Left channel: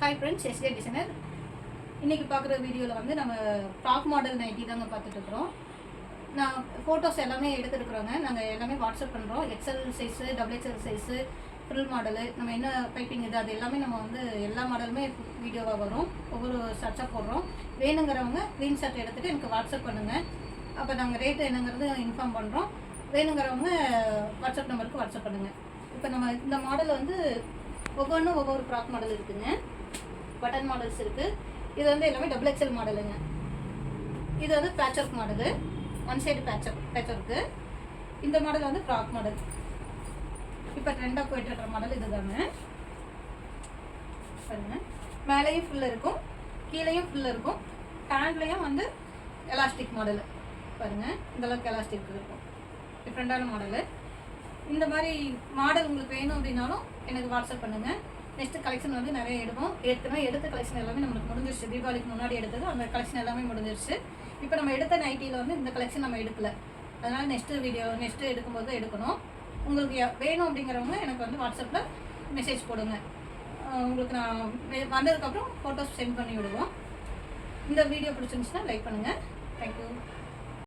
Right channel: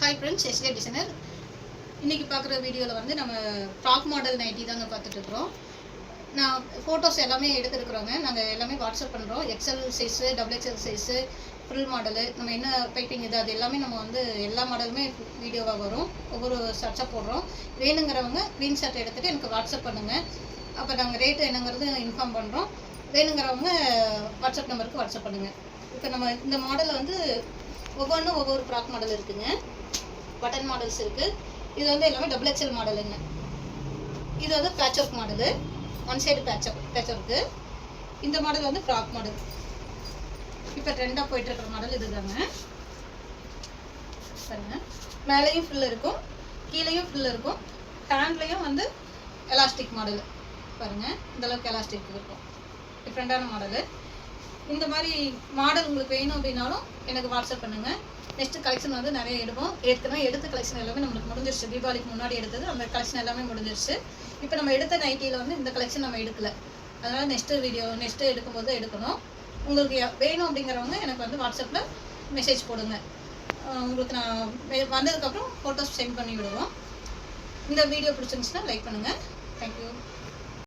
Hi friends, SK designer. இன்றைக்கி பார்க்குற வீடியோவில் வந்து நம்ம ஃப்ராக் மாடல் நைட்டி தாங்க பார்த்துட்ருக்குறோம். நான் ஃபோட்டோஸ் எல்லாமே எடுத்துருக்குறோங்க. நாங்கள் எல்லாமே வாட்ஸ்அப் பண்ணுறோம். XL size, double XL size, full model, நம்ம என்ன பைப்பிங் இது அது எல்லாமே நம்ம வந்து எல்லா மாடலுமே வீடியோவாக வரும். ஒவ்வொரு சர்ச்சாக போடுறோம். வேணுங்கிறவங்க ஸ்க்ரீன்ஷாட் எடுத்துகிட்டு எனக்கு வாட்ஸ்அப் பண்ணுங்கள். அப்போ நாங்கள் ரேட்டு என்னங்கிறது இன்ஃபார்ம் பண்ணுறோம். வேணுங்கிறவங்க வாட்ஸ்அப் நம்பருக்கு வாட்ஸ்அப் பண்ணுங்கள். இப்போ நம்ம இந்த மாடலில் வந்து ஒவ்வொன்றும் ஒவ்வொரு ஃப்ராக் மாடல் இருக்குதுங்க. பட்டன் மாடல்ஸ் இருக்குது. இது வந்து எல்லாமே டபுள் எக்ஸ்எல் மாடலுங்க. இது வந்து patch work model, one side patch work. இந்த மாடல் வந்து ஃப்ராக் மாடல். இப்போ ட்ரெண்டாக போயிட்டுருக்கிற மாடல் இது தாங்க. பாருங்க, மேலேயும் ஃபுல்லாக இருக்கும், கீழேயும் ஃபுல்லாக இருக்கும். ஹேண்ட்லேயும் வந்து எலாஸ்டிக் மாடல் பாருங்கள். இந்தளவுக்கு எலாஸ்டிக் இருக்கும். டிஃப்ரெண்ட்டான மாடலு. இந்த மாதிரி மாடல் உங்களுக்கு வேணும் அப்படின்னாலும் எனக்கு வாட்ஸ்அப் பண்ணுங்கள். நெக்ஸ்ட்டு கலெக்ஷன் வந்து நிறைய எடுப்போம். ஏற்கனவே எடுத்த கலெக்ஷன் எல்லாமே நம்மளுக்கு முடிஞ்சிருச்சு. தீபாவளிக்கு முன்னாடி எடுத்தது அந்த கலெக்ஷன் எல்லாமே முடிஞ்சிருச்சு. இப்போ நம்ம எடுத்த நைட்டியில் வந்து இந்த கலெக்ஷன் நம்ம எடுக்கலை. அதனால் நெக்ஸ்ட்டு எடுக்கும்போது எடுக்கணும். உங்களுக்கு வேணும் அப்படிங்கிறவங்க எனக்கு வந்து வாட்ஸ்அப்பில் மெசேஜ் போடுங்க. உங்களுக்கு நான் வந்ததுக்கப்புறம் ஃபோட்டோஸ் சென்ட் பண்ணி விடுவோம். இந்த வீடியோ பிடிச்சிருந்துச்சுன்னா லைக் பண்ணுங்கள். தேங்க்யூ.